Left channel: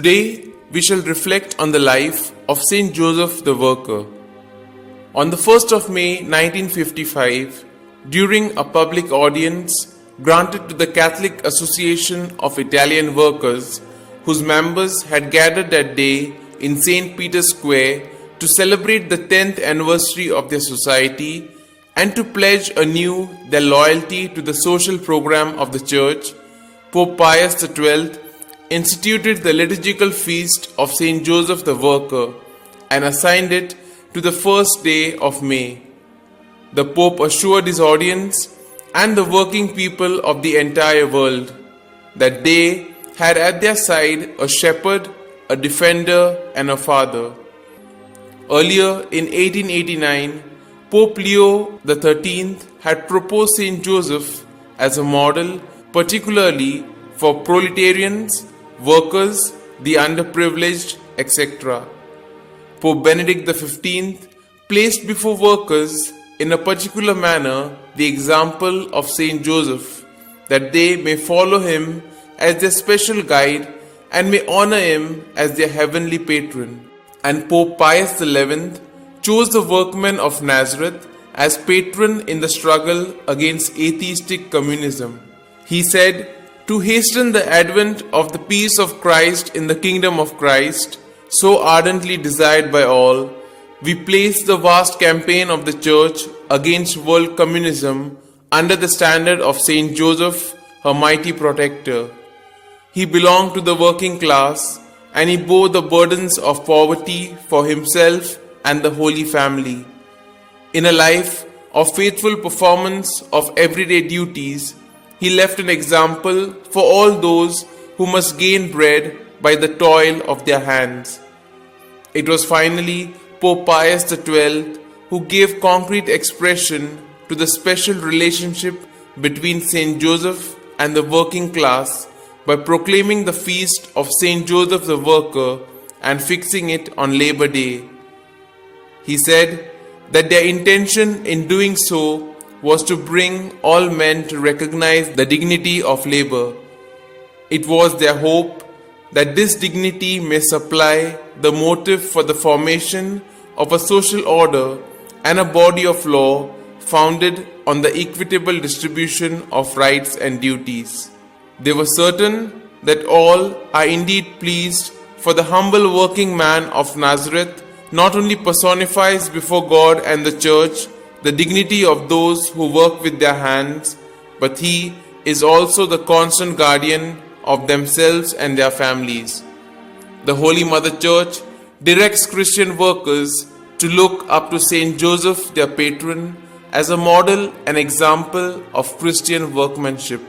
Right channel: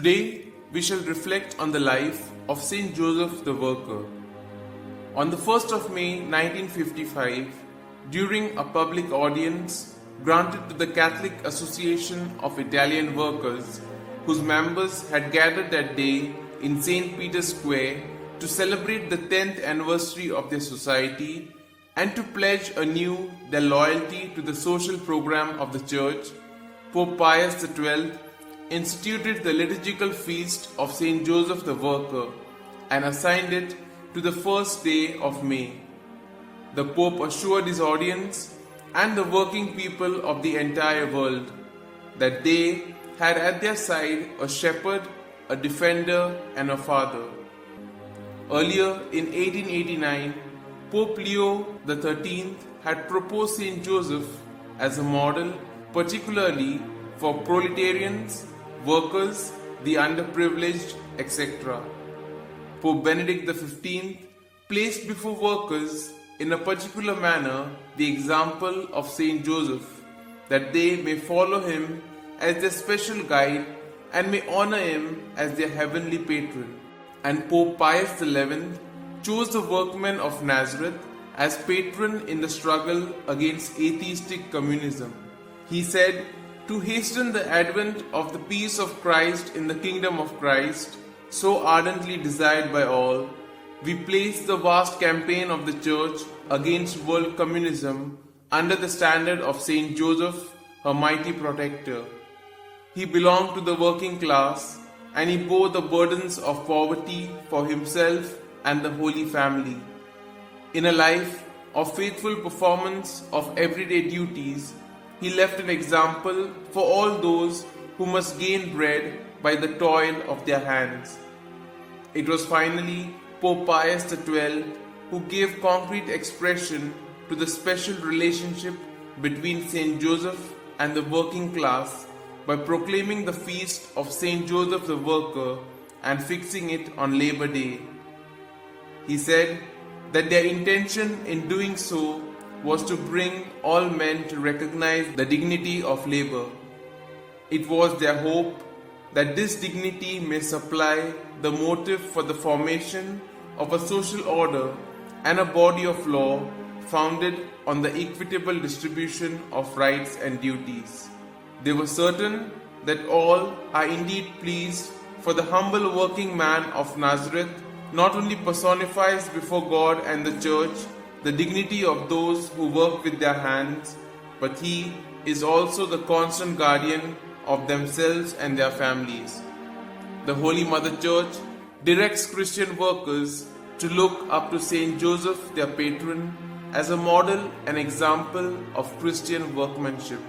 Today, we shall reflect on the life of Saint Joseph the Worker. On the 1st of May 1955, during a public audience granted to the Catholic Association of Italian Workers, whose members had gathered that day in St. Peter's Square to celebrate the 10th anniversary of their society and to pledge anew their loyalty to the social program of the Church, Pope Pius XII instituted the liturgical feast of Saint Joseph the Worker and assigned it to the first day of May. The Pope assured his audience and the working people of the entire world that they had at their side a shepherd, a defender, and a father. Earlier in 1889, Pope Leo XIII had proposed Saint Joseph as a model, particularly for proletarians, workers, the underprivileged, etc. Pope Benedict XV placed before workers in a particular manner the example of Saint Joseph, that they may follow him as their special guide and may honor him as their heavenly patron. And Pope Pius XI chose the workmen of Nazareth as patron in the struggle against atheistic communism. He said, "To hasten the advent of the peace of Christ in the kingdom of Christ, so ardently desired by all, we place the vast campaign of the Church against world communism under the standard of Saint Joseph, her mighty protector. He belonged to the working class and he bore the burdens of poverty for himself and the Holy Family. In a life of faithful performance of everyday duties, he left an example for all those who must gain bread by the toil of their hands." It was finally Pope Pius XII who gave concrete expression to the special relationship between Saint Joseph and the working class by proclaiming the feast of Saint Joseph the Worker and fixing it on Labor Day. He said that their intention in doing so was to bring all men to recognize the dignity of labor. It was their hope that this dignity may supply the motive for the formation of a social order and a body of law founded on the equitable distribution of rights and duties. They were certain that all are indeed pleased, for the humble working man of Nazareth not only personifies before God and the Church the dignity of those who work with their hands, but he is also the constant guardian of themselves and their families. The Holy Mother Church directs Christian workers to look up to Saint Joseph, their patron, as a model and example of Christian workmanship.